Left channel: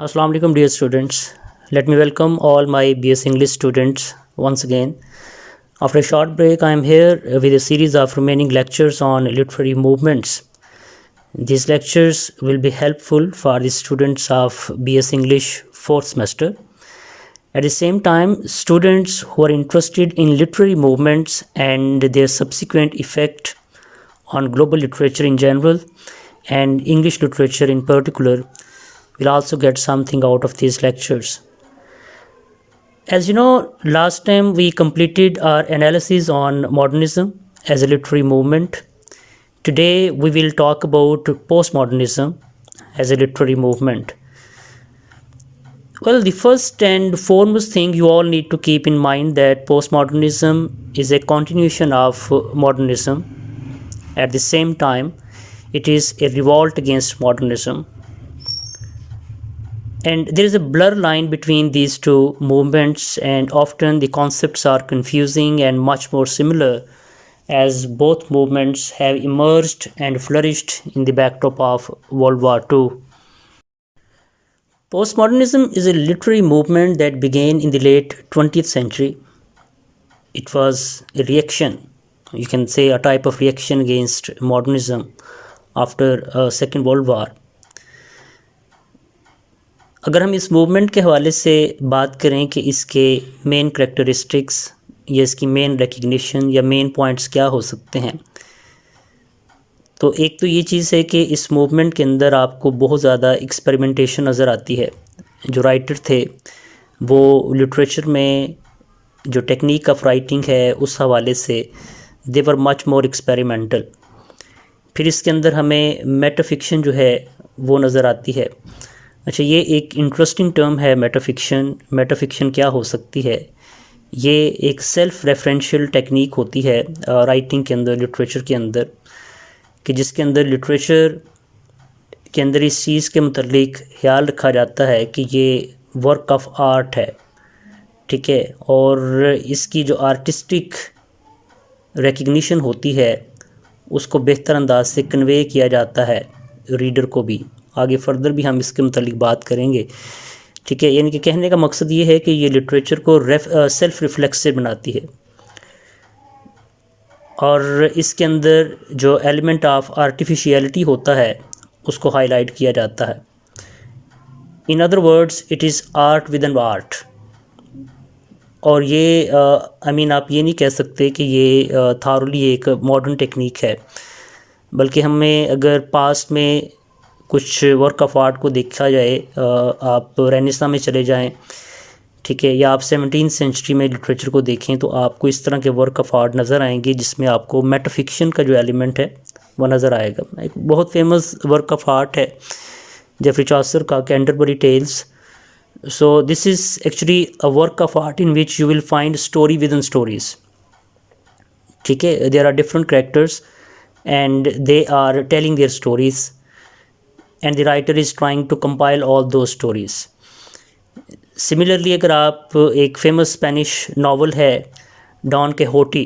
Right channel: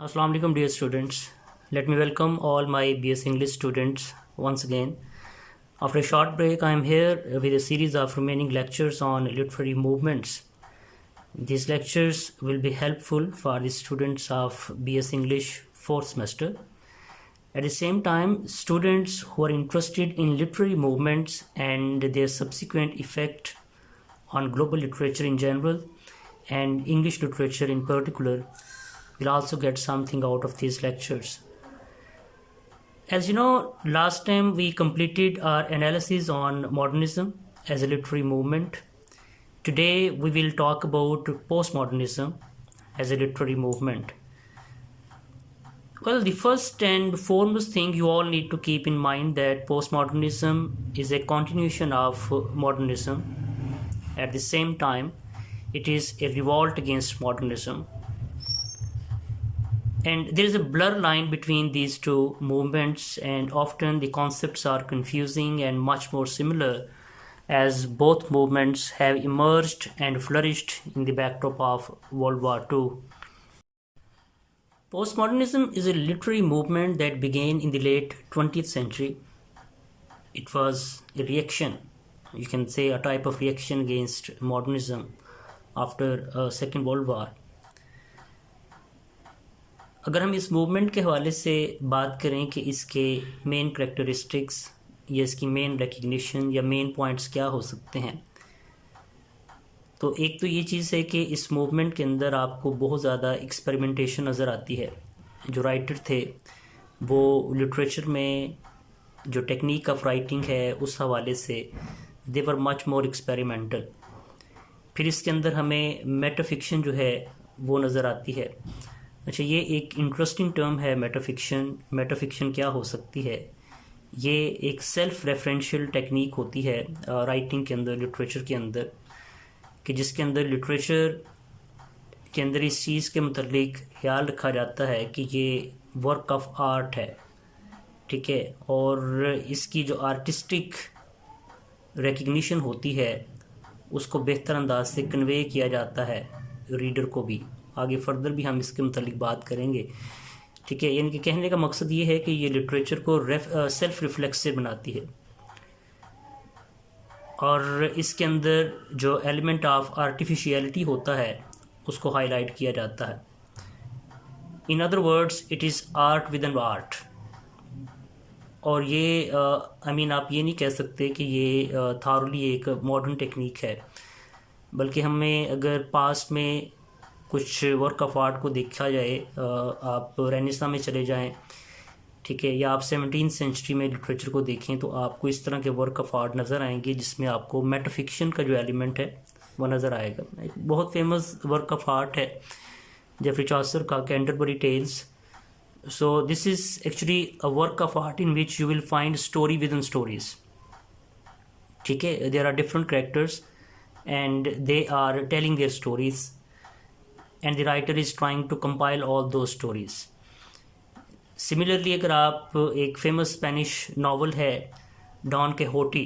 Assalamu alaikum dear students. Let me welcome all my BS English students once again. After a short break, I am here with a series of remaining lectures on literary movements. These lectures will be helpful for the students of BS English 4th semester. At the same time, students who are interested in literary movements and their subsequent effect on global literature in general and English literature in particular will also get something out of these lectures. As you know, last time we completed our analysis on modernism as a literary movement. Today we will talk about postmodernism as a literary movement. Well, the first and foremost thing you all need to keep in mind that postmodernism is a continuation of modernism. At the same time, it is a revolt against modernism. And there is a blur line between these two movements, and often the concepts are confusing and much more similar, as both movements have emerged and flourished in the backdrop of World War II. Postmodernism is a literary movement that began in the late 20th century. It was a reaction, you can say a type of reaction against modernism after Second World War. अगर हम इस movement के हवाले से बात करें कि इसके मेन करेक्टरिस्टिक्स या इसकी मेन रिकग्निशन या मेन पॉइंट्स क्या हो सकते हैं, तो एक तो ये चीज़ है कि इस मूवमेंट के अंदर आपको बहुत ज़्यादा एक्सपेरिमेंटेशन नज़र आती है. जो राइटर थे वो लिटरेचर में जो टेक्निक ऑफ राइटिंग है उस हवाले से दे वर मच मोर एक्सपेरिमेंटल. फिर इसके अंदर हमें मेटाफिक्शन जो है वो नज़र आती है. अच्छा, ये एक इंटरेस्टिंग टर्म है मेटाफिक्शन. मेटाफिक्शन क्या हो सकती है? ये एक सेल्फ रेफरेंशियल टेक्निक होती है राइटिंग के अंदर, लिटरेचर के अंदर, कि जिसके अंदर लिटरेचर के अंदर इस चीज़ के मुतल्लिक ख्याल रखा जाता है कि ये वर्क ऑफ आर्ट है, ठीक है, और इसकी जो आर्टिस्टिक रिकग्निशन होती है उसको बेहतर अंदाज से कन्वे किया जाता है रीडर को भी. आगे फर्दर भी हम इसके मुतालिक बात करेंगे, ठीक है. यानी कि कहने का मकसद ये है कि ये लिटरेचर को सेल्फ रिफ्लेक्सिव बनाती है और इसके अंदर जो एलिमेंट ऑफ आर्टिफिशियलिटी होता है उसको हाईलाइट किया जाता है. In other words, it is art with an art. और ये आप ये नहीं कह सकते कि ये थारोली एक मॉडर्न टेक्निक है, बल्कि हमें अगर पास्ट में कुछ वर्क ऑफ आर्ट को देखा जाए, आप रेनेसां में चले जाएं, ठीक है, या आप 17th सेंचुरी में लिटरेचर को देखें तो आपको इस तरह के वर्क ऑफ आर्ट नज़र आएंगे जिसमें आपको मेटाफिक्शन का जो एलिमेंट है वो नज़र आएगा. एक बहुत फेमस वर्क ऑफ आर्ट है जेफरी चॉसर का Canterbury Tales. So this is actually a work of art in which you will find story within stories, ठीक है. There are different characters and they are telling their stories and the writer is trying to compile all those stories. Similarly, अगर आप एक famous Spanish novel है don केहोटी,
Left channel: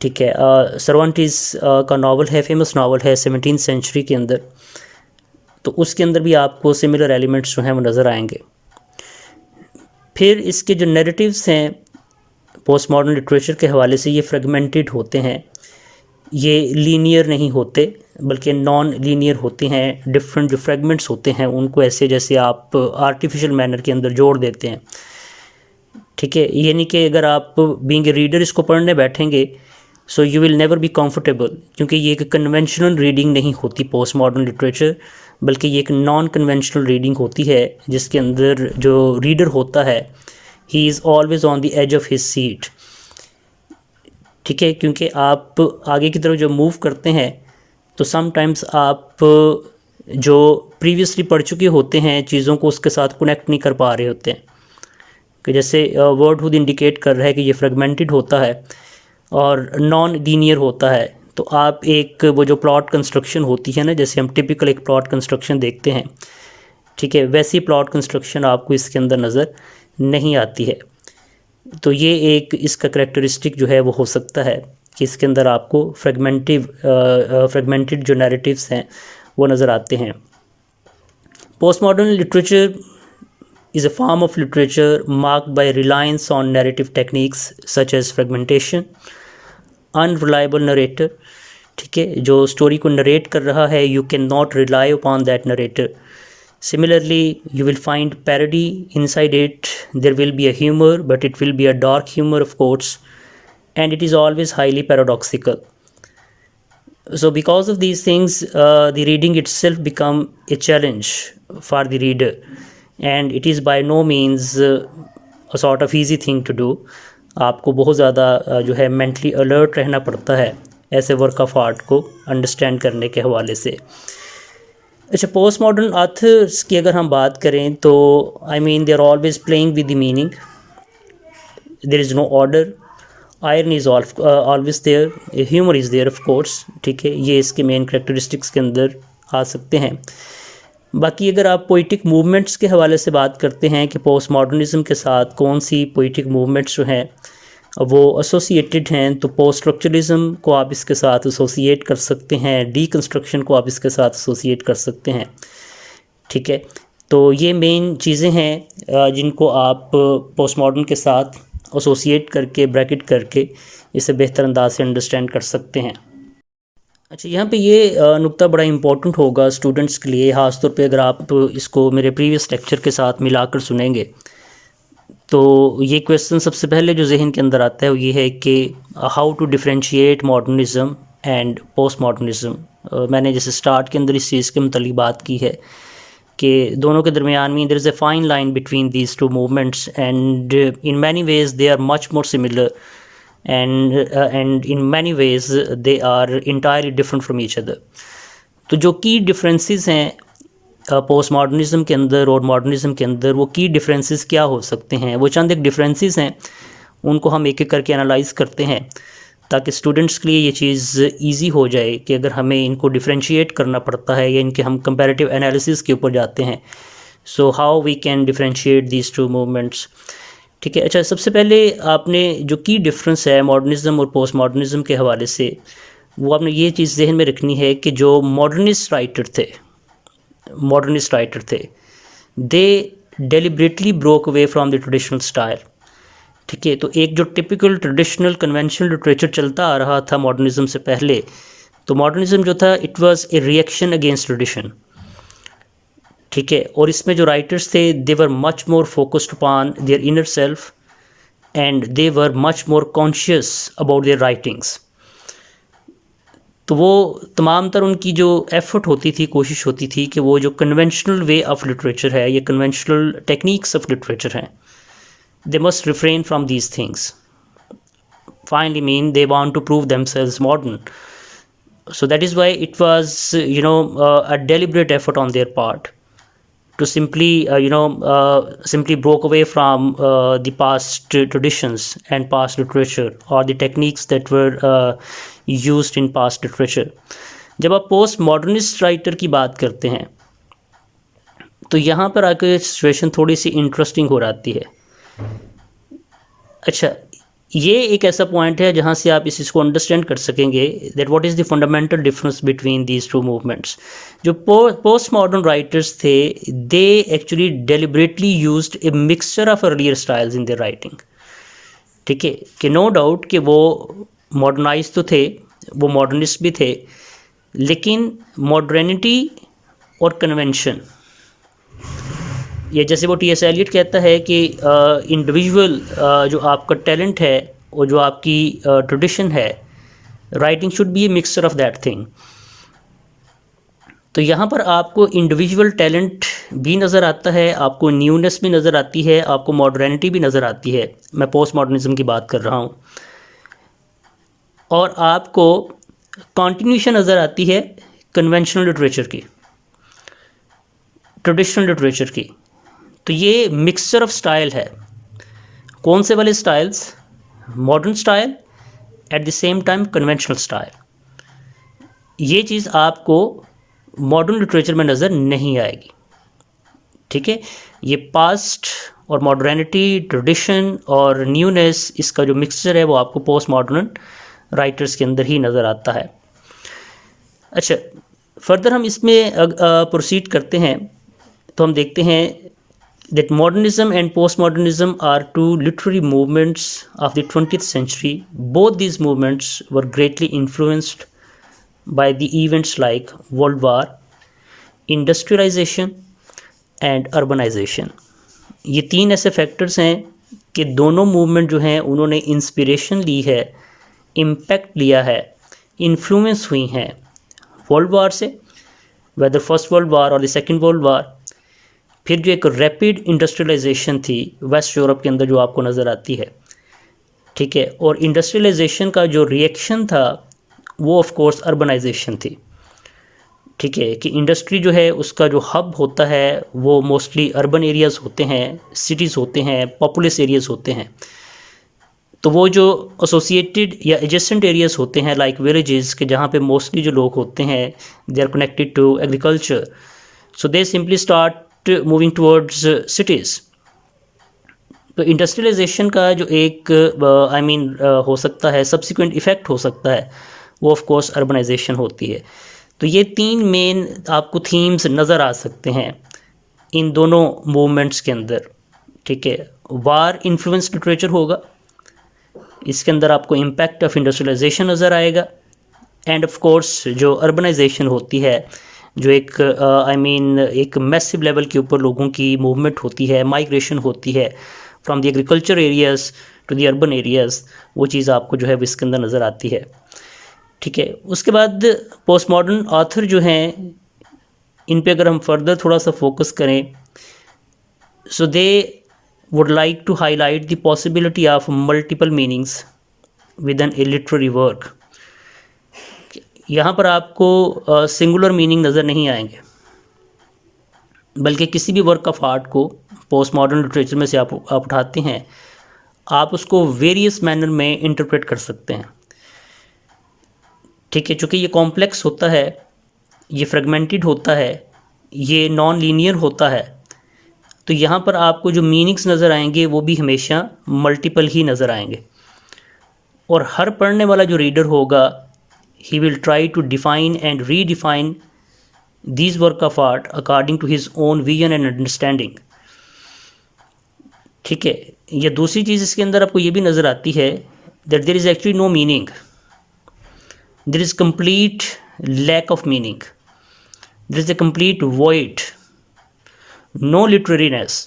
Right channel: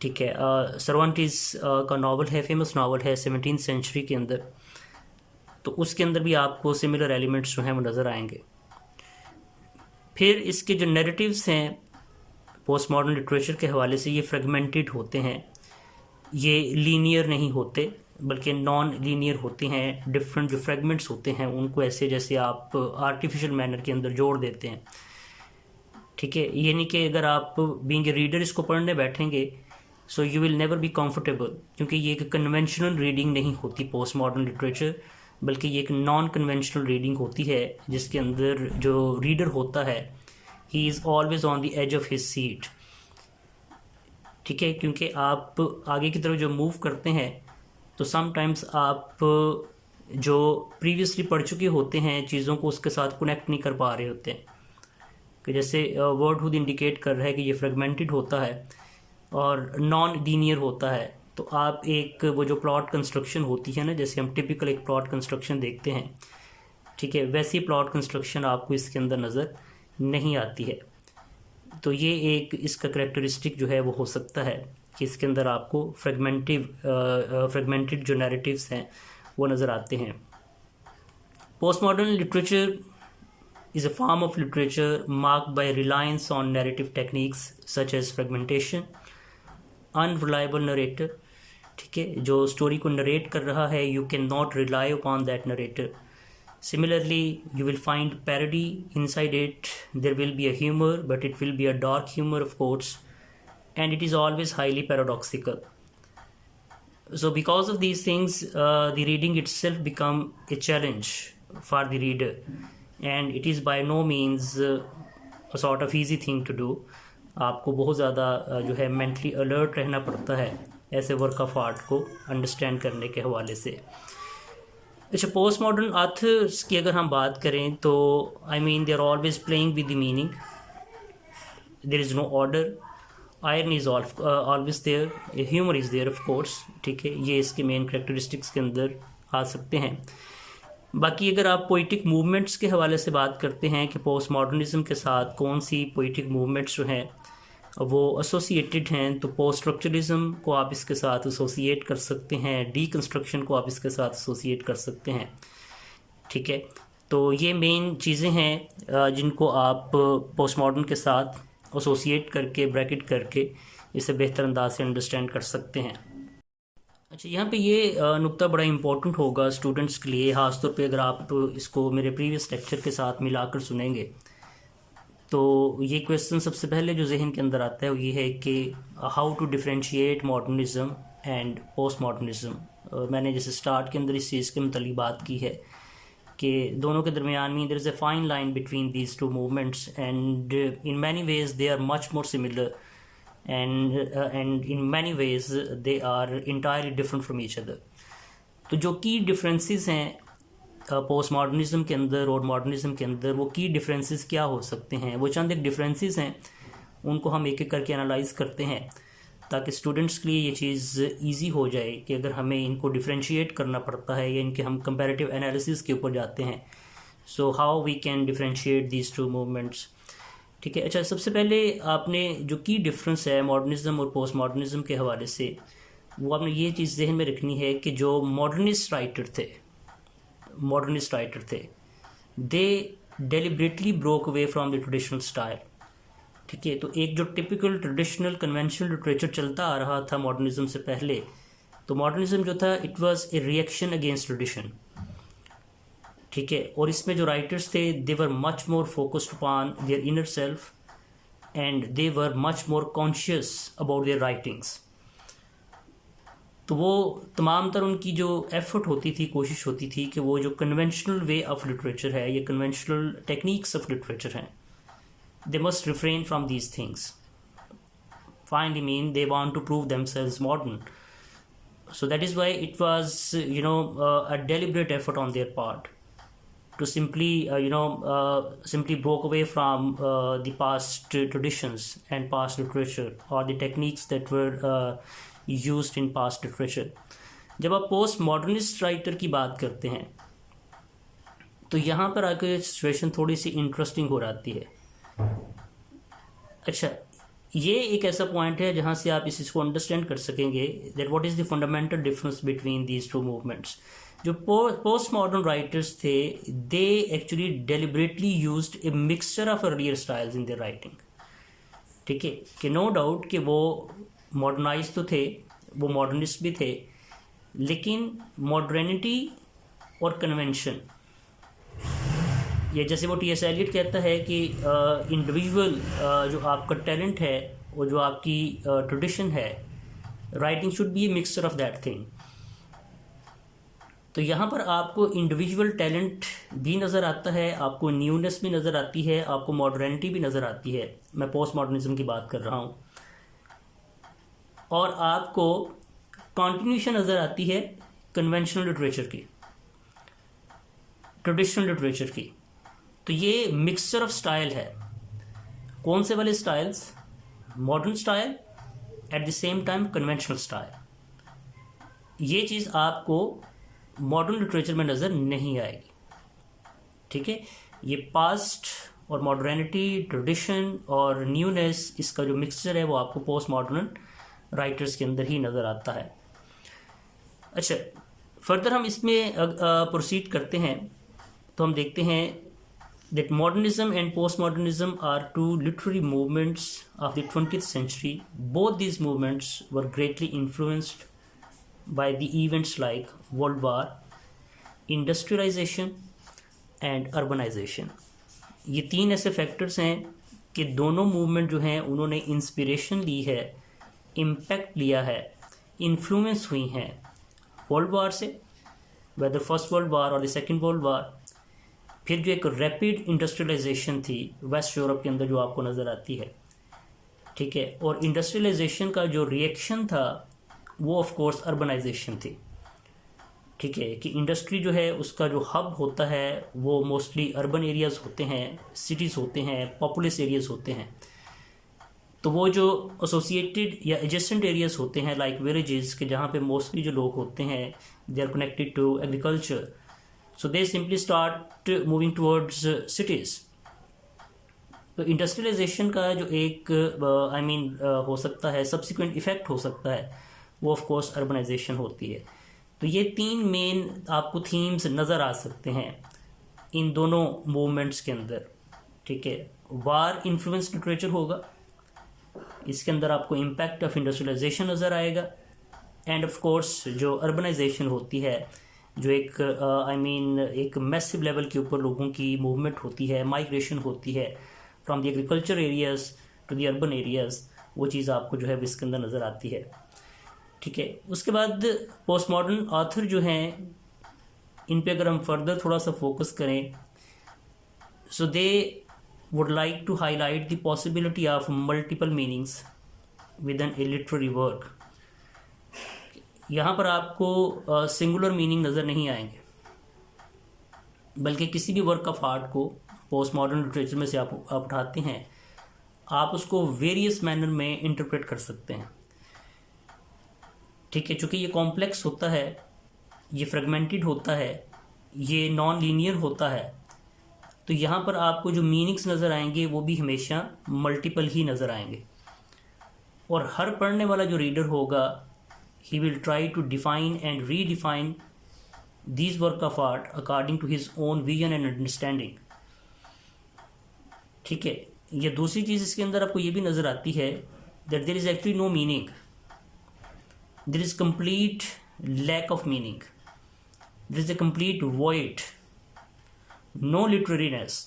ठीक है, सर्वांटीज़ का novel है, फेमस नावल है 17th सेंचुरी के अंदर, तो उसके अंदर भी आपको सिमिलर एलिमेंट्स जो हैं वो नज़र आएंगे. फिर इसके जो नैरेटिव्स हैं पोस्ट मॉडर्न लिटरेचर के हवाले से, ये फ्रेगमेंटेड होते हैं, ये लीनियर नहीं होते बल्कि नॉन लीनियर होते हैं. डिफरेंट जो फ्रेगमेंट्स होते हैं उनको ऐसे जैसे आप आर्टिफिशियल मैनर के अंदर जोड़ देते हैं, ठीक है. ये नहीं कि अगर आप बीइंग ए रीडर इसको पढ़ने बैठेंगे so you will never be comfortable, क्योंकि ये एक कन्वेंशनल रीडिंग नहीं होती पोस्ट मॉडर्न लिटरेचर, बल्कि ये एक नॉन कन्वेंशनल रीडिंग होती है जिसके अंदर जो रीडर होता है he is always on the edge of his seat, ठीक है. क्योंकि आप आगे की तरफ जो मूव करते हैं तो समटाइम्स आप जो प्रीवियसली पढ़ चुके होते हैं चीज़ों को उसके साथ कनेक्ट नहीं कर पा रहे होते हैं, कि जैसे वर्ड खुद इंडिकेट कर रहा है कि ये फ्रेगमेंटेड होता है और नॉन लीनियर होता है. तो आप एक वो जो प्लॉट कंस्ट्रक्शन होती है ना, जैसे हम टिपिकल एक प्लॉट कंस्ट्रक्शन देखते हैं, ठीक है, वैसी प्लॉट कंस्ट्रक्शन आपको इसके अंदर नज़र नहीं आती है. तो ये एक इसका करेक्टरिस्टिक जो है वो हो सकता है कि इसके अंदर आपको फ्रेगमेंटेड जो नैरेटिव्स हैं वो नज़र आते हैं. Post modern literature is a form of literature marked by reliance on narrative techniques such as fragmentation, unreliable narrator, ठीक है, जो स्टोरी को नरेट कर रहा है, you cannot rely upon that narrator. Similarly, you will find parody inside it. There will be a humor, but it will be a dark humor, of course, and it is always highly paradoxical. So because of these things, the reading itself become a challenge for the reader, and it is by no means a sort of easy thing to do. आपको बहुत ज़्यादा जो है mentally alert रहना पड़ता है ऐसे work of art को अंडरस्टैंड करने के हवाले से. अच्छा, पोस्ट मॉडर्न ऑथर्स की अगर हम बात करें तो I mean they are always playing with the meaning. There is no order. Iron is always there. Humour is there, of course. ठीक है, ये इसके मेन करेक्टरिस्टिक्स के अंदर आ सकते हैं. बाकी अगर आप पोइटिक मूवमेंट्स के हवाले से बात करते हैं कि पोस्ट मॉडर्निज़म के साथ कौन सी पोइटिक मूवमेंट्स जो हैं वो एसोसिएटेड हैं, तो पोस्ट स्ट्रक्चरलिज्म को आप इसके साथ एसोसिएट कर सकते हैं, डीकंस्ट्रक्शन को आप इसके साथ एसोसिएट कर सकते हैं. ठीक है, तो ये मेन चीज़ें हैं जिनको आप पोस्ट मॉडर्न के साथ एसोसिएट करके, ब्रैकेट करके इसे बेहतर अंदाज से अंडरस्टैंड कर सकते हैं. अच्छा, यहाँ पे ये नुक्ता बड़ा इम्पोर्टेंट होगा स्टूडेंट्स के लिए, ख़ास तौर पे अगर आप इसको मेरे प्रीवियस लेक्चर के साथ मिलाकर सुनेंगे तो ये क्वेश्चन सबसे पहले जो जहन के अंदर आता है वो ये है कि how to differentiate modernism and post modernism. मैंने जैसे स्टार्ट के अंदर इस चीज़ के मुतल्लिक़ बात की है कि दोनों के दरमियान में there is a fine line between these two movements, and in many ways they are much more similar, and in many ways they are entirely different from each other. तो जो की डिफरेंसेस हैं पोस्ट मॉडर्निज़म के अंदर और modernism के अंदर, वो की डिफरेंसेस क्या हो सकते हैं, वो चंद एक डिफरेंसेस हैं, उनको हम एक एक करके एनालाइज करते हैं ताकि स्टूडेंट्स के लिए ये चीज़ ईजी हो जाए कि अगर हमें इनको डिफरेंशिएट करना पड़ता है या इनके हम कंपैरेटिव एनालिसिस के ऊपर जाते हैं, so how we can differentiate these two movements. ठीक है. अच्छा, सबसे पहले आपने जो की डिफरेंस है मॉडर्निज़म और पोस्ट मॉडर्निज़म के हवाले से, वो आपने ये चीज़ जहन में रखनी है कि जो मॉडर्निस्ट राइटर थे they deliberately broke away from the traditional style. ठीक है, तो एक जो टिपिकल ट्रेडिशनल कन्वेंशनल लिटरेचर चलता आ रहा था मॉडर्निज़म से पहले, तो मॉडर्निज़म जो था it was a reaction against tradition. ठीक है, और इसमें जो राइटर्स थे they were much more focused upon their inner self and they were much more conscious about their writings. तो वो तमाम तर उनकी जो एफर्ट होती थी, कोशिश होती थी कि वो जो कन्वेंशनल वे ऑफ लिटरेचर है, ये कन्वेंशनल टेक्निक्स ऑफ लिटरेचर हैं, they must refrain from these things. Finally mean they want to prove themselves modern. So that is why it was a deliberate effort on their part to simply simply broke away from the past traditions and past literature or the techniques that were used in past literature. जब आप post modernist writer की बात करते हैं तो यहाँ पर आकर सिचुएशन थोड़ी सी इंटरेस्टिंग हो जाती है. अच्छा, ये एक ऐसा पॉइंट है जहाँ से आप इस चीज़ को अंडरस्टैंड कर सकेंगे that what is the fundamental difference between these two movements. जो पोस्ट मॉडर्न राइटर्स थे they actually deliberately used a mixture of earlier styles in their writing. ठीक है, कि नो डाउट कि वो मॉडर्नाइज तो थे, वो मॉडर्निस्ट भी थे, लेकिन मॉडर्निटी और कन्वेंशन, ये जैसे वो टी.एस. एलियट कहता है कि इंडिविजुअल जो आपका टैलेंट है और जो आपकी ट्रेडिशन है, writing should be a mixture of that thing. तो यहाँ पर आपको इंडिविजुअल टैलेंट भी नज़र आता है, आपको न्यूनेस भी नज़र आती है, आपको मॉडर्निटी भी नज़र आती है. मैं पोस्ट मॉडर्निज्म की बात कर रहा हूँ. और आपको कॉन्टिन्यूशन नज़र आती है कन्वेंशनल लिटरेचर की, ट्रेडिशनल लिटरेचर की. तो ये मिक्सचर ऑफ स्टाइल है. कौन से वाले styles? Modern style at the same time conventional style. ये चीज़ आपको मॉडर्न लिटरेचर में नज़र नहीं आएगी. ठीक है, ये पास्ट और मॉडर्निटी, ट्रेडिशन और न्यूनेस, इसका जो मिक्सचर है वो आपको पोस्ट मॉडर्न राइटर्स के अंदर ही नज़र आता है. अच्छा, फर्दर हम इसमें प्रोसीड करते हैं. तो हम देखते हैं that modernism and postmodernism are two literary movements of the 20th century. Both these movements were greatly influenced by the events like World War, industrialization and urbanization. ये तीन ऐसे फैक्टर्स हैं कि दोनों मूवमेंट जो हैं उन्होंने इंस्पिरेशन ली है, इम्पैक्ट लिया है, इन्फ्लुएंस हुई हैं वर्ल्ड वार से, वेदर फर्स्ट वर्ल्ड वार और द सेकेंड वर्ल्ड वार। फिर जो एक रैपिड इंडस्ट्रियलाइजेशन थी वेस्ट यूरोप के अंदर जो आपको नज़र आती है, ठीक है, और इंडस्ट्रियलाइजेशन का जो रिएक्शन था वो ऑफ कोर्स अर्बनाइजेशन थी, ठीक है, कि इंडस्ट्री जो है उसका जो हब होता है वो मोस्टली अर्बन एरियाज़ होते हैं, सिटीज़ होते हैं, पॉपुलस एरियाज़ होते हैं। तो वो जो एसोसिएटेड या एडजेसेंट एरियाज़ होते हैं लाइक विलेजेस के, जहाँ पे मोस्टली जो लोग होते हैं they are connected to agriculture, so they simply start moving towards cities. तो इंडस्ट्रियलाइजेशन का जो एक हो सकता है सब्सिक्वेंट इफ़ेक्ट हो सकता है वो ऑफ कोर्स अर्बनाइजेशन होती है। तो ये तीन मेन आपको थीम्स नज़र आ सकते हैं इन दोनों मूवमेंट्स के अंदर, ठीक है। वार इन्फ्लुएंस लिटरेचर होगा, इसके अंदर आपको इम्पैक्ट ऑफ इंडस्ट्रियलाइजेशन नज़र आएगा, एंड ऑफ कोर्स जो अर्बनाइजेशन होती है, जो एक एक मैसिव लेवल के ऊपर लोगों की मूवमेंट होती है, माइग्रेशन होती है from the agriculture areas to the urban areas, वो चीज़ आपको जो है इसके अंदर नज़र आती है, ठीक है। उसके बाद पोस्ट मॉडर्न ऑथर जो हैं, इन पे अगर हम फर्दर थोड़ा सा फोकस करें, so they would like to highlight the possibility of multiple meanings within a literary work. यहाँ पर आपको सिंगुलर मीनिंग नज़र नहीं आएंगे, बल्कि किसी भी वर्क ऑफ आर्ट को पोस्ट मॉडर्न लिटरेचर में से आप उठाते हैं, आप उसको वेरियस मैनर में इंटरप्रेट कर सकते हैं, ठीक है। चूँकि ये कॉम्प्लेक्स होता है, ये फ्रेगमेंटेड होता है, ये नॉन लीनियर होता है, तो यहाँ पर आपको जो मीनिंग्स नज़र आएंगे वो भी हमेशा मल्टीपल ही नज़र आएंगे, और हर पढ़ने वाला जो रीडर होगा he will try to define and redefine these work of art according to his own vision and understanding, ठीक है। ये दूसरी चीज़ इसके अंदर आपको ये भी नज़र आती है that there is actually no meaning, there is complete lack of meaning, there is a complete void, no literariness.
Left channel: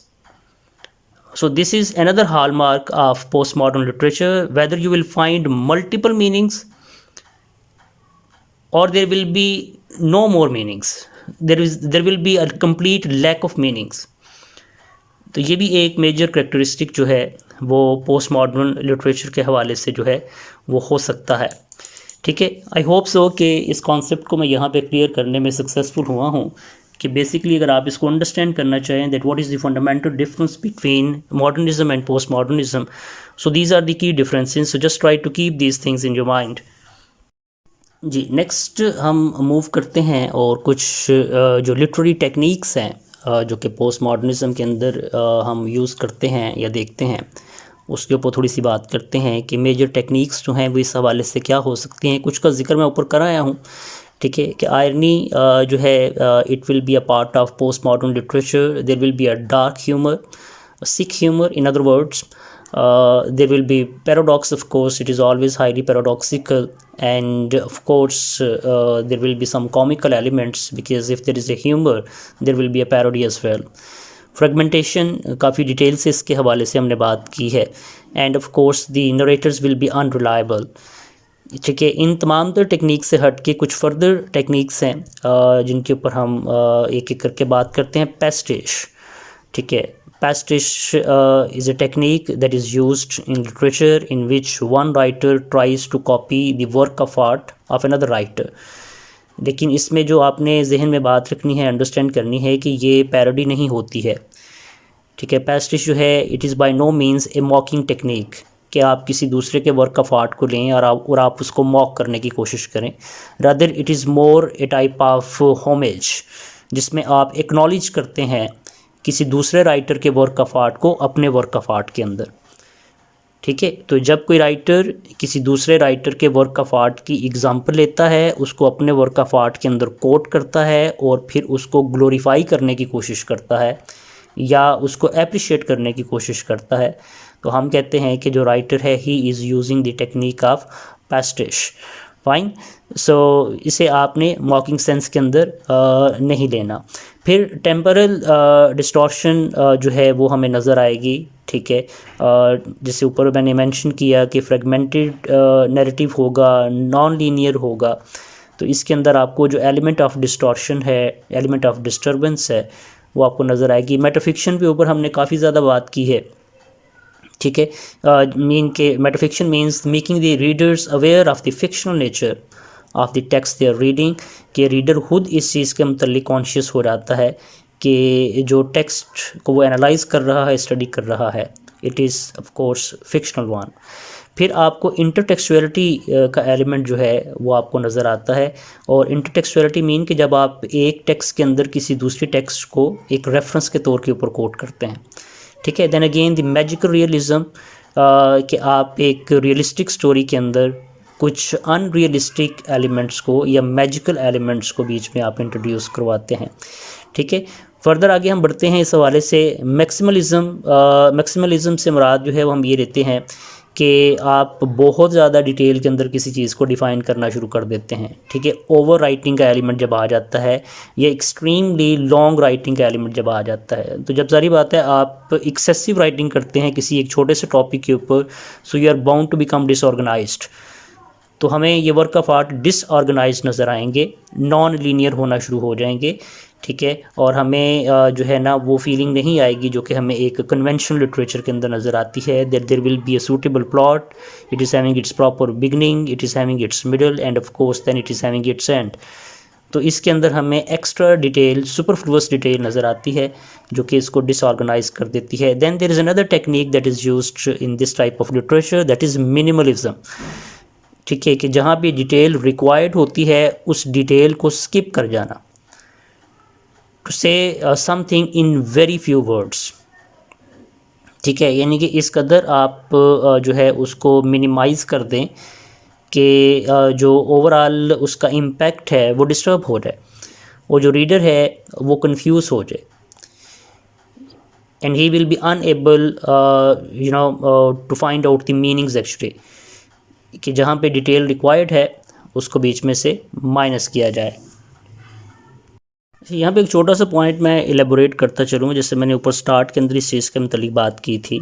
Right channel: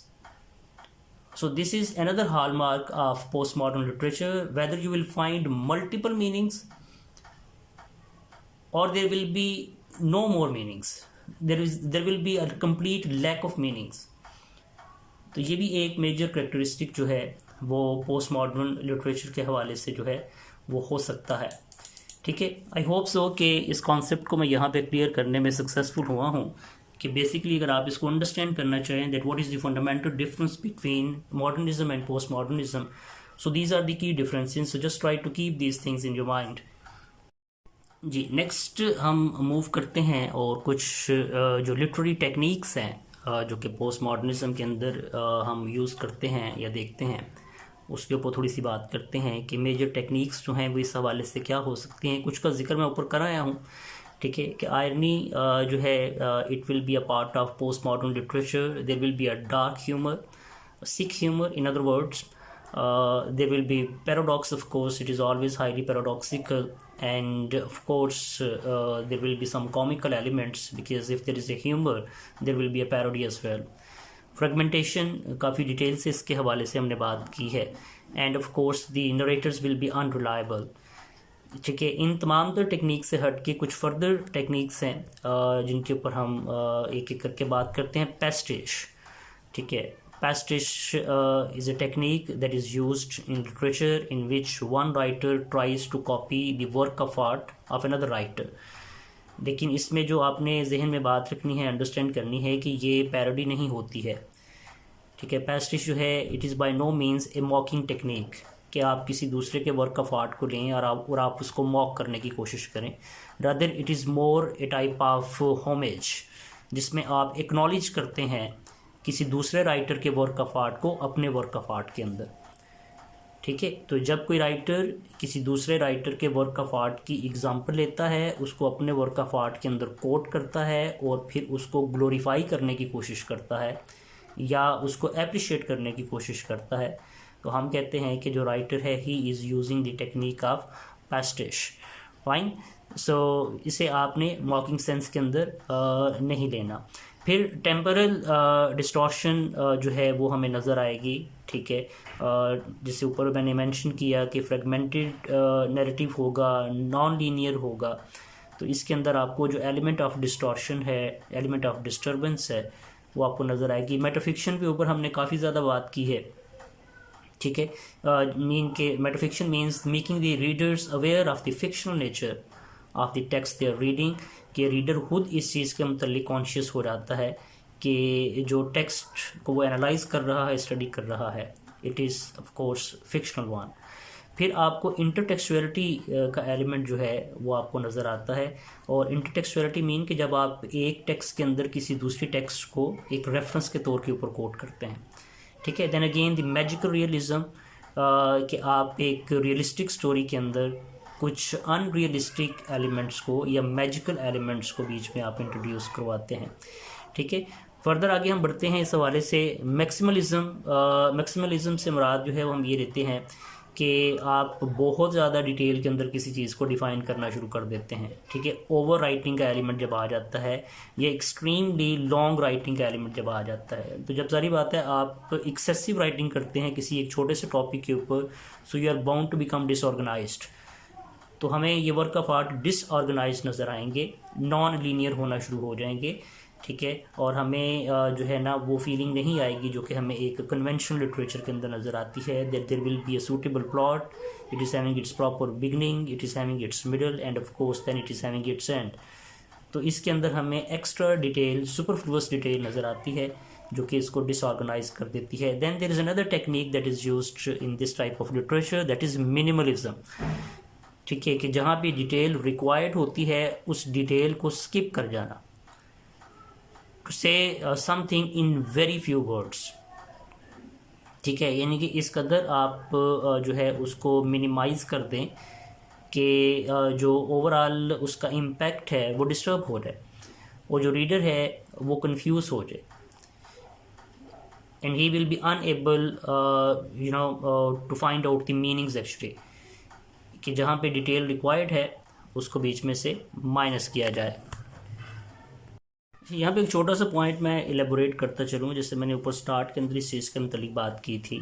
So this is another hallmark of postmodern literature, whether you will find multiple meanings or there will be no more meanings, there will be a complete lack of meanings. तो ये भी एक major characteristic जो है वो post modern literature के हवाले से जो है वो हो सकता है, ठीक है। आई होप सो कि इस कॉन्सेप्ट को मैं यहाँ पे क्लियर करने में सक्सेसफुल हुआ हूँ कि बेसिकली अगर आप इसको अंडरस्टैंड करना चाहें that what is the fundamental difference between modernism and post modernism, so these are the key differences, so just try to keep these things in your mind. जी, नेक्स्ट हम मूव करते हैं और कुछ जो लिटरेरी टेक्निक्स हैं जो कि पोस्ट मॉडर्निज़म के अंदर हम यूज़ करते हैं या देखते हैं, उसके ऊपर थोड़ी सी बात करते हैं कि मेजर टेक्निक्स जो हैं वो इस हवाले से क्या हो सकती हैं। कुछ का जिक्र मैं ऊपर कर आया हूँ, ठीक है, कि आयरनी जो है it will be a part of post modern literature, there will be a dark humour, sick humor, in other words, there will be paradox, of course, it is always highly paradoxical, and of course there will be some comical elements, because if there is a humor there will be a parody as well. Fragmentation काफ़ी detail से इसके हवाले से हमने बात की है, and of course the narrators will be unreliable, ठीक है। इन तमाम तर टेक्निक से हट के कुछ फर्दर टेक्निक्स हैं जिनके ऊपर हम एक एक करके बात करते हैं। पैस्टिश, ठीक है। Pastiche is a technique that is used in literature in which one writer tries to copy the work of art of another writer. लेकिन इसमें जो आपने जहन में बात रखनी है, अंडरस्टैंड करनी है कि ये पैरोडी नहीं होती है, ठीक है। पैस्टिश जो है it is by no means a mocking technique, कि आप किसी दूसरे के वर्क ऑफ आर्ट को लें और आप उसको मॉक करने की कोशिश करें। Rather it is more A type of homage, जिसमें आप एक्नॉलेज करते हैं किसी दूसरे राइटर के वर्क ऑफ आर्ट को अपने वर्क ऑफ आर्ट के अंदर। ठीक है। तो जब कोई राइटर किसी दूसरे राइटर के वर्क ऑफ आर्ट की एग्जांपल लेता है, उसको अपने वर्क ऑफ आर्ट के अंदर कोट करता है और फिर उसको ग्लोरीफाई करने की कोशिश करता है या उसको अप्रिशिएट करने की कोशिश करता है, तो हम कहते हैं कि जो राइटर है he is using the technique of pastiche. Fine. So इसे आपने मॉकिंग सेंस के अंदर नहीं लेना। फिर टेम्परल डिस्टॉर्शन जो है वो हमें नज़र आएगी, ठीक है। जैसे ऊपर मैंने मेंशन किया कि फ्रेगमेंटेड नैरेटिव होगा, नॉन लीनियर होगा, तो इसके अंदर आपको जो एलिमेंट ऑफ डिस्टॉर्शन है, एलिमेंट ऑफ डिस्टर्बेंस है, वो आपको नज़र आएगी। मेटाफिक्शन के ऊपर हमने काफ़ी ज़्यादा बात की है, ठीक है। मीन के metafiction means making the readers aware of the fictional nature of the text they are reading, कि रीडर खुद इस चीज़ के मतलब कॉन्शियस हो जाता है कि जो टेक्स्ट को वो एनालाइज कर रहा है, स्टडी कर रहा है, it is of course fictional one. फिर आपको इंटरटेक्सुअलिटी का एलिमेंट जो है वो आपको नज़र आता है। और इंटरटेक्सुअलिटी मीन कि जब आप एक टेक्स्ट के अंदर किसी दूसरी टेक्स्ट को एक रेफरेंस के तौर के ऊपर कोट करते हैं, ठीक है। Then again the magical realism, कि आप एक रियलिस्टिक स्टोरी के अंदर कुछ अनरियलिस्टिक एलिमेंट्स को या मैजिकल एलिमेंट्स को बीच में आप इंट्रोड्यूस करवाते हैं, ठीक है। फर्दर आगे हम बढ़ते हैं इस हवाले से। मैक्सिमलिज्म से मुराद जो है वो हम ये लेते हैं कि आप बहुत ज़्यादा डिटेल के अंदर किसी चीज़ को डिफ़ाइन करना शुरू कर देते हैं, ठीक है। ओवर राइटिंग का एलिमेंट जब आ जाता है या एक्सट्रीमली लॉन्ग राइटिंग का एलिमेंट जब आ जाता है, तो जब सारी बात है आप एक्सेसिव राइटिंग करते हैं किसी एक छोटे से टॉपिक के ऊपर, so you are bound to become disorganised. तो हमें ये वर्क ऑफ आर्ट डिसऑर्गेनाइज नज़र आएंगे, नॉन लीनियर होना शुरू हो जाएंगे, ठीक है। और हमें जो है ना वो फीलिंग नहीं आएगी जो कि हमें एक कन्वेंशनल लिटरेचर के अंदर नज़र आती है, that there will be a suitable plot, it is having its proper beginning, it is having its middle and of course then it is having its end. तो इसके अंदर हमें एक्स्ट्रा डिटेल, सुपरफ्लुअस डिटेल नज़र आती है जो कि इसको डिसऑर्गेनाइज कर देती है। Then there is another technique that is used in this type of literature, that is minimalism, ठीक है। कि जहाँ भी डिटेल रिक्वायर्ड होती है उस डिटेल को स्किप कर जाना, to say something in very few words, ठीक है। यानी कि इस कदर आप जो है उसको मिनिमाइज़ कर दें कि जो ओवरऑल उसका इम्पैक्ट है वो डिस्टर्ब हो जाए और जो रीडर है वो कंफ्यूज हो जाए, and he will be unable to find out the meanings actually, कि जहाँ पे डिटेल रिक्वायर्ड है उसको बीच में से माइनस किया जाए। यहाँ पे एक छोटा सा पॉइंट मैं एलेबोरेट करता चलूँ, जैसे मैंने ऊपर स्टार्ट के अंदर इस चीज़ के मतलब बात की थी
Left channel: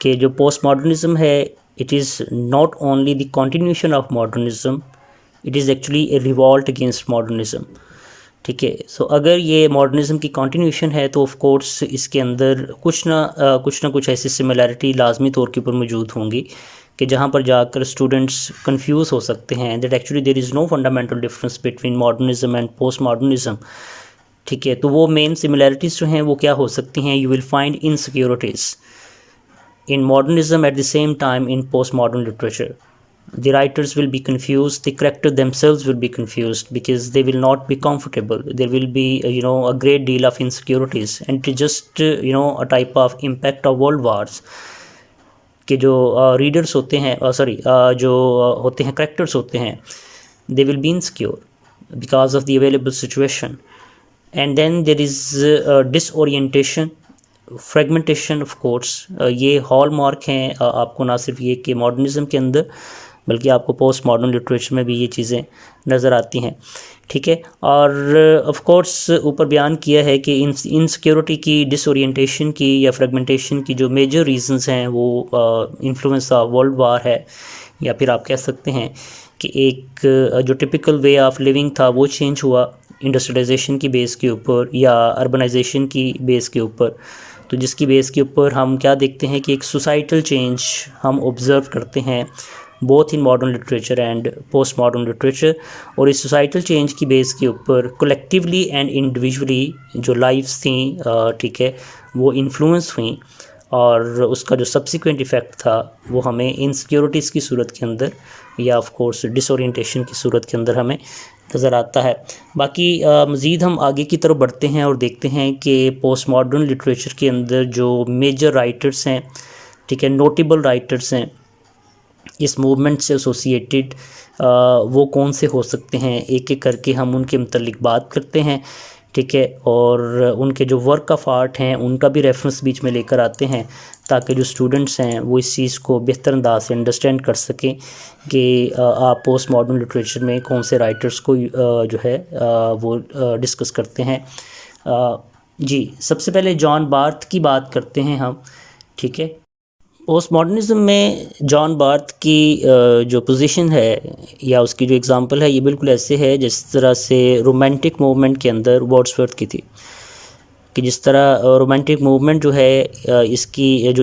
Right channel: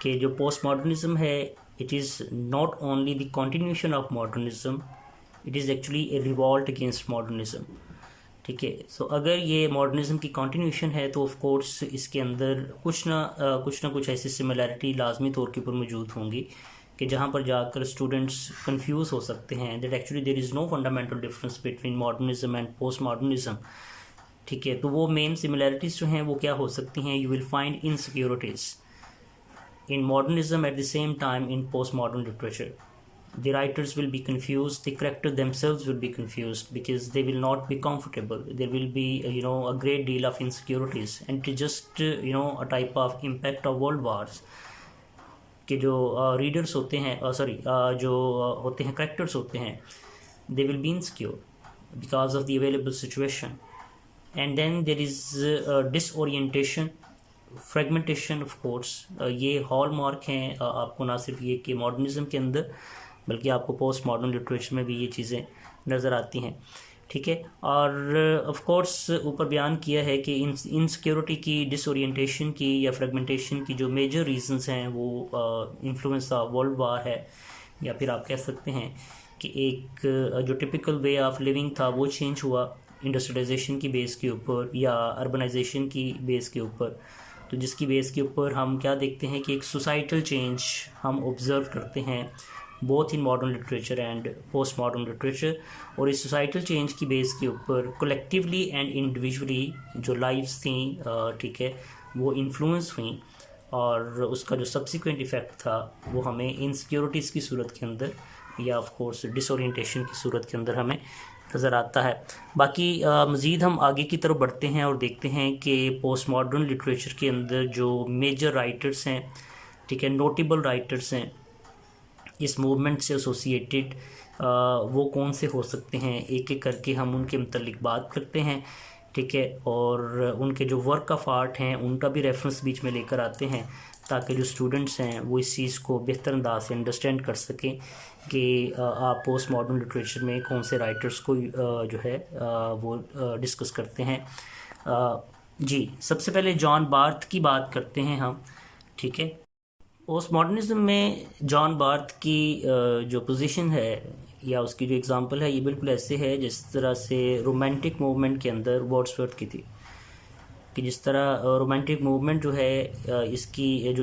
कि जो पोस्ट मॉडर्निज़म है, it is not only the continuation of modernism, it is actually A revolt against modernism, ठीक है। सो अगर ये मॉडर्निज़म की कंटिन्यूशन है तो ऑफ कोर्स इसके अंदर कुछ ना कुछ ऐसी सिमिलैरिटी लाजमी तौर के ऊपर मौजूद होंगी कि जहाँ पर जाकर स्टूडेंट्स कंफ्यूज हो सकते हैं that actually there is no fundamental difference between modernism and post modernism, ठीक है। तो वो मेन सिमिलैरिटीज़ जो हैं वो क्या हो सकती हैं? You will find insecurities in modernism at the same time in post modern literature. The writers will be confused, the character themselves will be confused because they will not be comfortable. There will be a great deal of insecurities, and it is just a type of impact of world wars कि जो readers होते हैं जो होते हैं characters होते हैं, they will be insecure because of the available situation, and then there is disorientation, fragmentation of course. ये हॉल मार्क हैं आपको ना सिर्फ ये कि मॉडर्निज़म के अंदर बल्कि आपको पोस्ट मॉडर्न लिटरेचर में भी ये चीज़ें नज़र आती हैं, ठीक है। और ऑफ कोर्स ऊपर बयान किया है कि इनसिक्योरिटी की, डिसोरिएंटेशन की या फ्रेगमेंटेशन की जो मेजर रीजंस हैं वो इन्फ्लुएंस ऑफ वर्ल्ड वार है, या फिर आप कह सकते हैं कि एक जो टिपिकल वे ऑफ लिविंग था वो चेंज हुआ इंडस्ट्रियलाइजेशन की बेस के ऊपर या अर्बनाइजेशन की बेस के ऊपर। तो जिसकी बेस के ऊपर हम क्या देखते हैं कि एक सोसाइटल चेंज हम ऑब्ज़र्व करते हैं both in modern literature and post modern literature. और इस सोसाइटल चेंज की बेस के ऊपर कलेक्टिवली एंड इंडिविजुअली जो लाइफ्स थी, ठीक है, वो इन्फ्लुएंस हुई, और उसका जो सब्सिक्वेंट इफ़ेक्ट था वो हमें इनसिक्योरिटीज़ की सूरत के अंदर या ऑफ कोर्स डिसोरिएंटेशन की सूरत के अंदर हमें नज़र आता है। बाकी मज़ीद हम आगे की तरफ बढ़ते हैं और देखते हैं कि पोस्ट मॉडर्न लिटरेचर के अंदर जो मेजर राइटर्स हैं ठीक है, नोटेबल राइटर्स हैं इस मूवमेंट से एसोसिएटेड, वो कौन से हो सकते हैं, एक एक करके हम उनके मतलब बात करते हैं, ठीक है। और उनके जो वर्क ऑफ आर्ट हैं उनका भी रेफरेंस बीच में लेकर आते हैं, ताकि जो स्टूडेंट्स हैं वो इस चीज़ को बेहतर अंदाज से अंडरस्टैंड कर सकें कि आप पोस्ट मॉडर्न लिटरेचर में कौन से राइटर्स को जो है वो डिस्कस करते हैं। जी, सबसे पहले जॉन बार्थ की बात करते हैं हम, ठीक है। पोस्ट मॉडर्निज़म में जॉन बार्थ की जो पोजीशन है या उसकी जो एग्ज़ाम्पल है, ये बिल्कुल ऐसे है जिस तरह से रोमांटिक मूवमेंट के अंदर वर्ड्सवर्थ की थी, कि जिस तरह रोमांटिक मूवमेंट जो है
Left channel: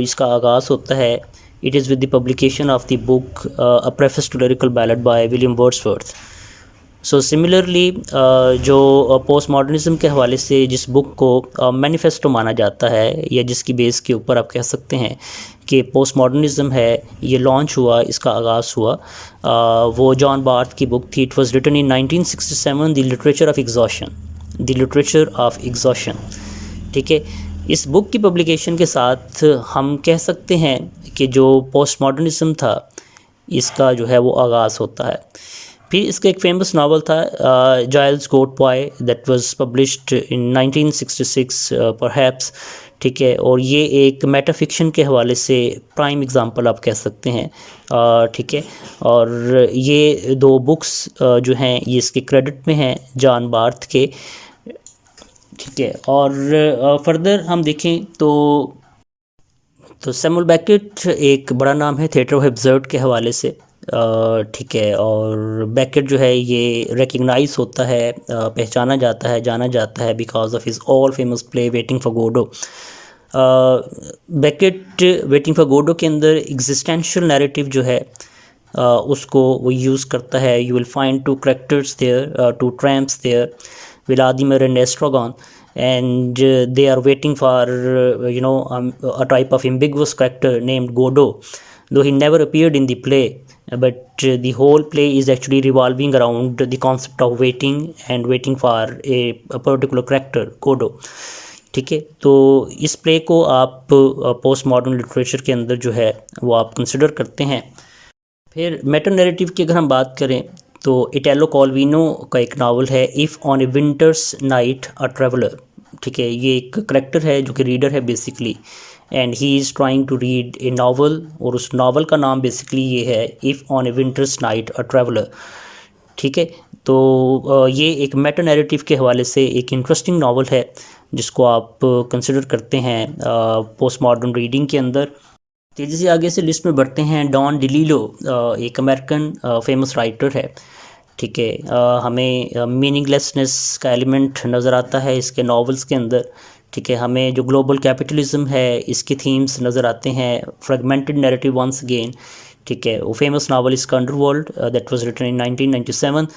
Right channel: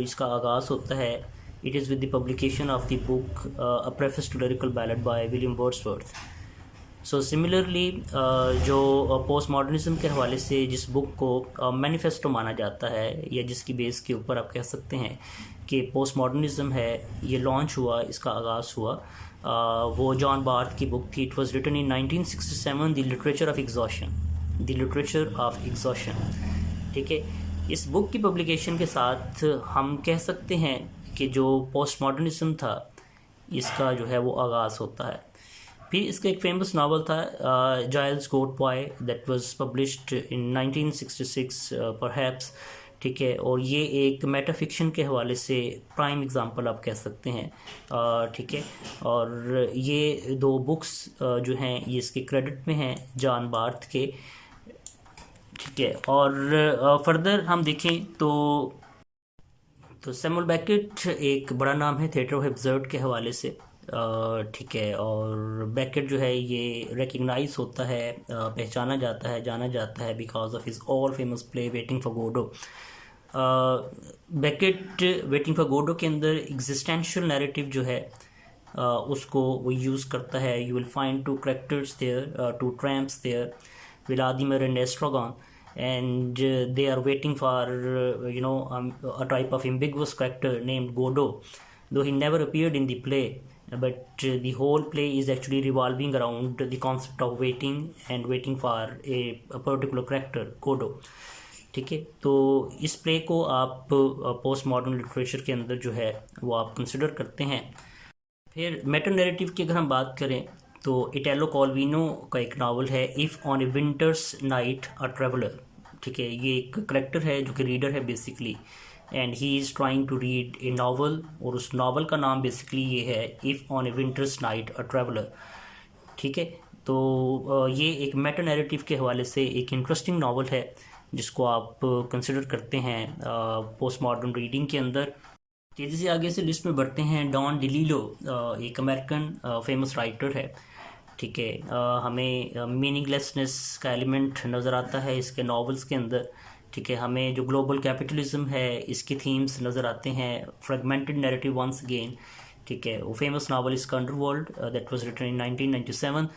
इसका आगाज़ होता है, it is with the publication of the book a preface to lyrical ballad by William Wordsworth. So similarly जो पोस्ट मॉडर्निज़म के हवाले से जिस बुक को मैनिफेस्टो माना जाता है, या जिसकी बेस के ऊपर आप कह सकते हैं कि पोस्ट मॉडर्निज़म है ये लॉन्च हुआ, इसका आगाज़ हुआ, वो जॉन बार्थ की बुक थी। It was written in 1967, the literature of exhaustion, the literature of exhaustion, ठीक है। इस बुक की पब्लिकेशन के साथ हम कह सकते हैं कि जो पोस्ट मॉडर्निज़म था इसका जो है वो आगाज़ होता है। फिर इसका एक फेमस नावल था Giles Goat Boy, that was published in 1966 perhaps, ठीक है। और ये एक मेटाफिक्शन के हवाले से प्राइम एग्जांपल आप कह सकते हैं, ठीक है। और ये दो बुक्स जो हैं ये इसके क्रेडिट में हैं जॉन बार्थ के, ठीक है। और फर्दर हम देखें तो सैमुअल बेकेट एक बड़ा नाम है थिएटर ऑफ एब्सर्ड के हवाले से, ठीक है। और बेकेट जो है ये रिकग्नाइज होता है, पहचाना जाता है, जाना जाता है because of his all famous play Waiting for Godot. Beckett Waiting for Godot के अंदर एग्जिस्टेंशियल नैरेटिव जो है उसको वो यूज़ करता है। You will find two characters there, two tramps there, Vladimir and Estragon, and they are waiting for a type of ambiguous character named Godot, though he never appeared in the play, but the whole play is actually revolving around the concept of waiting and waiting for a particular character, Godot, ठीक है। तो इस play को आप post modern literature के अंदर जो है वो आप कंसिडर करते हैं। फिर मेटा नैरेटिव की अगर हम बात करें तो इटैलो कॉल्विनो का एक नावल है if on a winter's night a traveller, ठीक है। ये एक करेक्टर है जो कि रीडर है basically, and he is trying to read a novel, और उस नावल का नाम बेसिकली ये है if on a winter's night a traveller, ठीक है। तो ये एक मेटा नैरेटिव के हवाले से एक इंटरेस्टिंग नावल है जिसको आप कंसिडर करते हैं पोस्ट मॉडर्न रीडिंग के अंदर। तेज़ी से आगे से लिस्ट में बढ़ते हैं। डॉन डिलीलो एक अमेरिकन फेमस राइटर है, ठीक है। हमें मीनिंगलेसनेस का एलिमेंट नज़र आता है इसके नॉवेल्स के अंदर, ठीक है। हमें जो ग्लोबल कैपिटलिज्म है इसके थीम्स नज़र आते हैं। फ्रेगमेंटेड नैरेटिव वंस अगेन, ठीक है। वो फेमस नावल इसका underworld, that was written in 1997,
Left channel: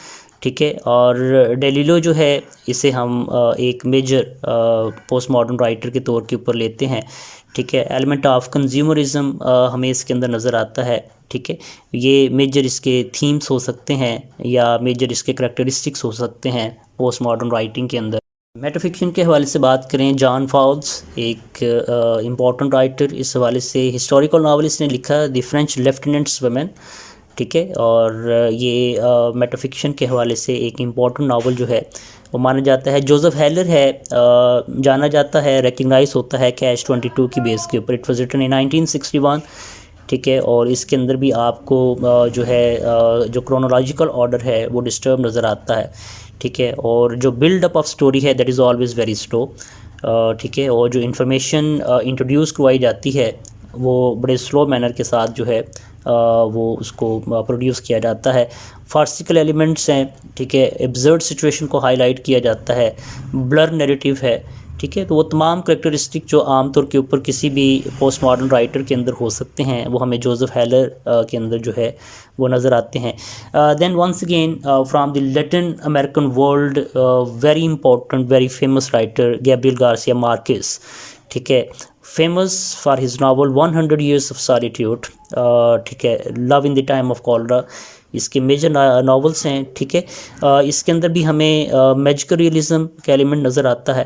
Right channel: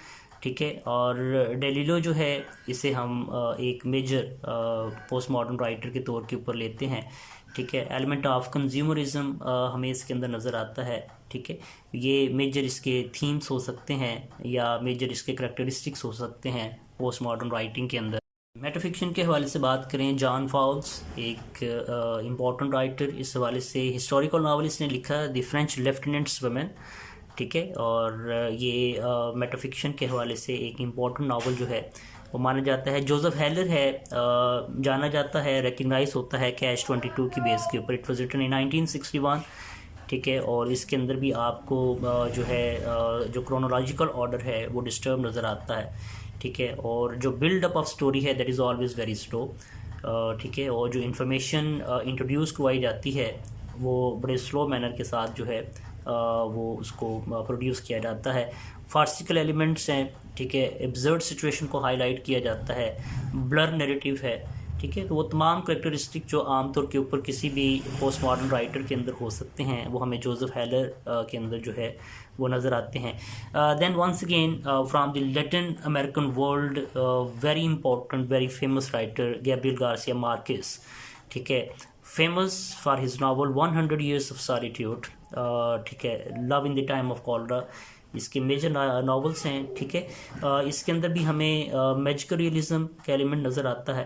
ठीक है। और डेलिलो जो है इसे हम एक मेजर पोस्ट मॉडर्न राइटर के तौर के ऊपर लेते हैं, ठीक है। एलिमेंट ऑफ कंज्यूमरिज्म हमें इसके अंदर नज़र आता है, ठीक है। ये मेजर इसके थीम्स हो सकते हैं या मेजर इसके करैक्टरिस्टिक्स हो सकते हैं पोस्ट मॉडर्न राइटिंग के अंदर। मेटाफिक्शन के हवाले से बात करें, जॉन फाउल्स एक इम्पॉर्टेंट राइटर, इस हवाले से हिस्टोरिकल नावल इसने लिखा द फ्रेंच लेफ्टिनेंट्स वुमेन, ठीक है। और ये मेटाफिक्शन के हवाले से एक इम्पॉर्टेंट नावल जो है वो माना जाता है। जोसेफ हेलर है, जाना जाता है, रिकग्नाइज होता है कैच 22 की बेस के ऊपर। इट वाज रिटन इन 1961, ठीक है। और इसके अंदर भी आपको जो है जो क्रोनोलॉजिकल ऑर्डर है वो डिस्टर्ब नज़र आता है, ठीक है। और जो बिल्डअप ऑफ स्टोरी है that is always very slow, ठीक है। और जो इन्फॉर्मेशन इंट्रोड्यूस करवाई जाती है वो बड़े स्लो मैनर के साथ जो है वो उसको प्रोड्यूस किया जाता है। फार्सिकल एलिमेंट्स हैं, ठीक है। एब्सर्ड सिचुएशन को हाईलाइट किया जाता है। ब्लर नैरेटिव है, ठीक है। तो वो तमाम करैक्टरिस्टिक जो आमतौर के ऊपर किसी भी पोस्ट मॉडर्न राइटर के अंदर हो सकते हैं वो हमें जोसेफ हेलर के अंदर जो है वो नज़र आते हैं। Then once again from the Latin American world, very important very famous writer Gabriel Garcia Marquez, ठीक है। Famous for his novel 100 Years of Solitude, ठीक है। Love in the time of cholera इसके मेजर नावल्स हैं, ठीक है। इसके अंदर भी हमें मैजिकल रियलिज्म का एलिमेंट नज़र आता है,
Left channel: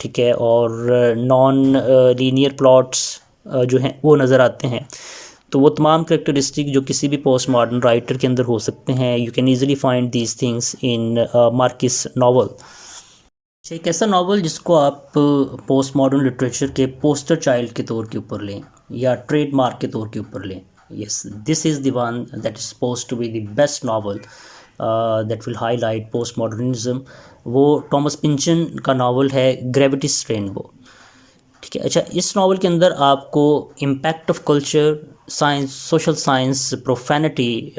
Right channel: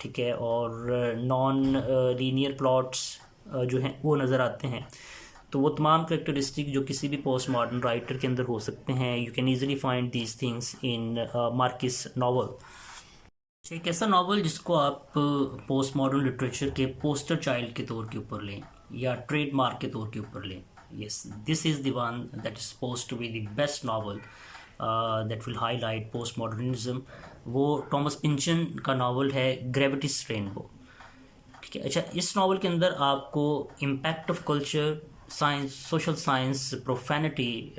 ठीक है। और नॉन लीनियर प्लॉट्स जो हैं वो नज़र आते हैं। तो वो तमाम करेक्टरिस्टिक जो किसी भी पोस्ट मॉडर्न राइटर के अंदर हो सकते हैं, you can easily find these things in Marxist novel. एक ऐसा नावल जिसको आप पोस्ट मॉडर्न लिटरेचर के पोस्टर चाइल्ड के तौर के ऊपर लें या ट्रेडमार्क के तौर के ऊपर लें, yes this is the one that is supposed to be the best novel that will highlight post modernism. वो टॉमस पिंचन का नावल है ग्रेविटीज रेनबो। ठीक है, अच्छा इस नावल के अंदर आपको impact of culture, science, social science, profanity,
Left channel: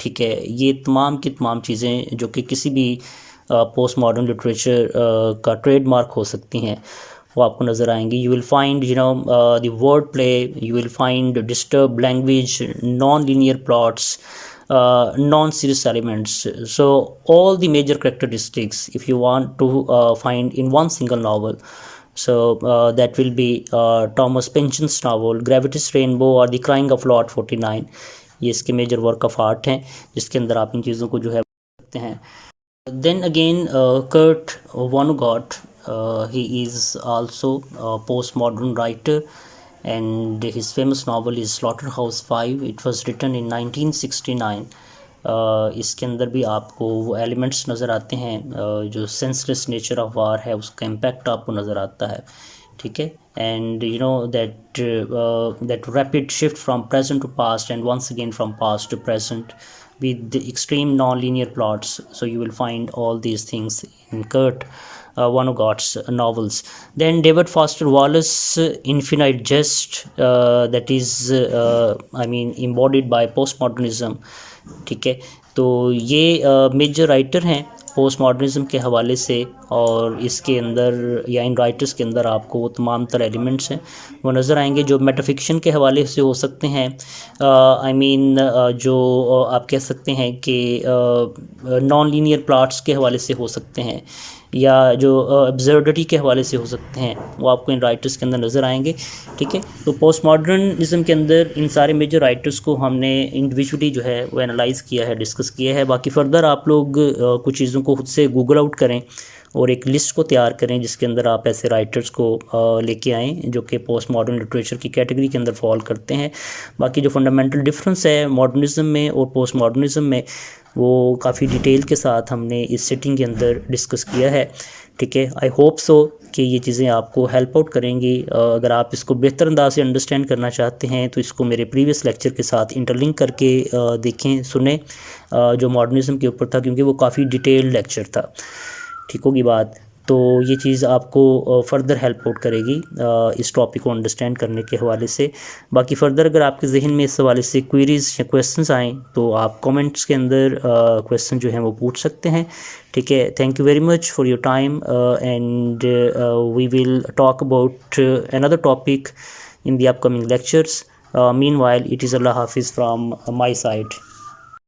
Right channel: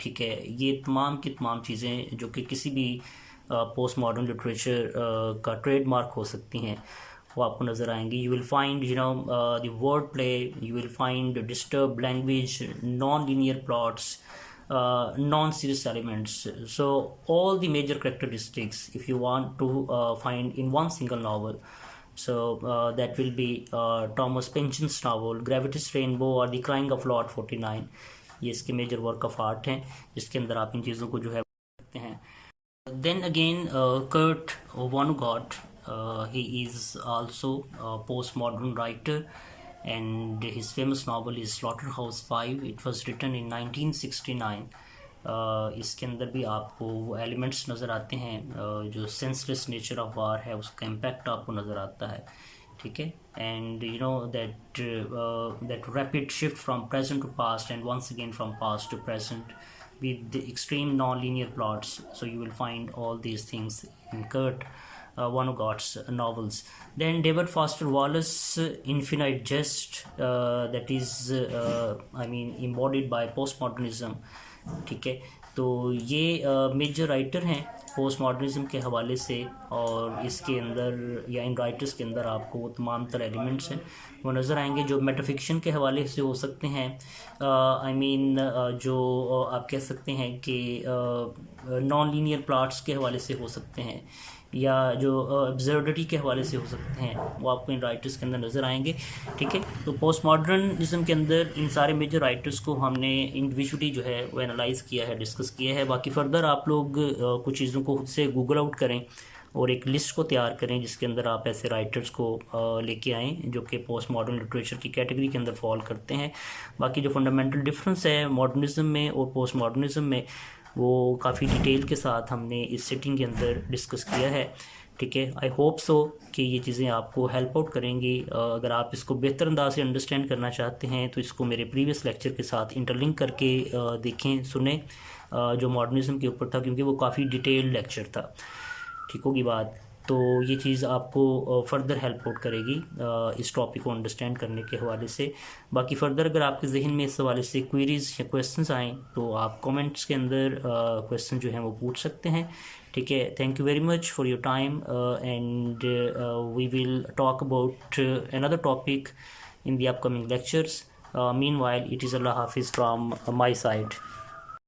ठीक है, ये तमाम की तमाम चीज़ें जो कि किसी भी पोस्ट मॉडर्न लिटरेचर का ट्रेडमार्क हो सकती हैं वो आपको नज़र आएंगी। You will find the word play, you will find disturb language, non linear plots, non-serious elements. So all the major characteristics if you want to find in one single novel, so that will be Thomas Pynchon's novel Gravity's Rainbow or The Crying of Lot 49। ये इसके major work of art हैं जिसके अंदर आप इन चीज़ों को जो है सकते हैं। Then again Kurt Vonnegut, he is also a postmodern writer and his famous novel is Slaughterhouse 5। It was written in 1969। इसके अंदर भी आपको वो एलिमेंट्स नज़र आते हैं, जो सेंसलेस नेचर ऑफ वार है उसका इम्पैक्ट आपको नज़र आता है। ठीक है, and you know that rapid shift from present to past and once again from past to present with the extreme non-linear plots. So you will find all these things in Kurt Vonnegut's novels. Then David Foster Wallace, Infinite Jest, that is I mean embodied by postmodernism। ठीक है, तो ये major writer हैं post modernism के हवाले से, और इसके अंदर या इन राइटर्स के अंदर आपको वो तमाम तर एलिमेंट्स हैं वो नज़र आएंगे जो मेटाफिक्शन के हवाले से हो सकते हैं। आई मीन जो आप कह सकते हैं कि नॉन लीनियर प्लॉट्स के हवाले से हो सकते हैं, या जो अब्सर्डिटी के हवाले से हो सकते हैं, वो आपको इन राइटर्स के अंदर नज़र आएंगे। ठीक है, तो पोस्ट मॉडर्निज्म के अंदर इन सारे मेजर राइटर्स को हमने इंडिविजुअली जो है वो एनालाइज़ किया है, डिस्कस किया है। बाकी फर्दर आप लोग कुछ चीज़ों को खुद से गूगल आउट करें और एक लिस्ट को तैयार करें जिसके अंदर आप ऐसे राइटर्स को लेके आएँ जो कि पोस्ट मॉडर्न लिटरेचर की कैटेगरी के अंदर फॉल करते हैं। बाकी जो फंडामेंटल डिफरेंस है मॉडर्निज्म में और पोस्ट मॉडर्निज्म में वो काफ़ी डिटेल के साथ हमने इस सेटिंग के अंदर डिस्कस किया है। ठीक है, आई होप सो कि ये चीज़ें आपको हेल्प आउट करेंगी। अगर आप इसको बेहतर अंदाज से अंडरस्टैंड करना चाहते हैं तो इसको मेरे प्रीवियस लेक्चर के साथ इंटरलिंक करके देखें, सुने, जो मॉडर्निज्म के ऊपर था, क्योंकि वो काफ़ी डिटेल्ड लेक्चर था। ठीक होगी बात, तो ये चीज़ आपको फ़र्दर हेल्प आउट करेगी इस टॉपिक को अंडरस्टैंड करने के हवाले से। बाकी फ़र्दर अगर आपके जहन में इस हवाले से क्वेरीज़ या क्वेश्चंस आएँ तो आप कमेंट्स के अंदर क्वेश्चन जो हैं वो पूछ सकते हैं। ठीक है, thank you very much for your time and we will talk about another topic in the upcoming lectures. Meanwhile it is Allah हाफिज़ फ्राम माई साइड।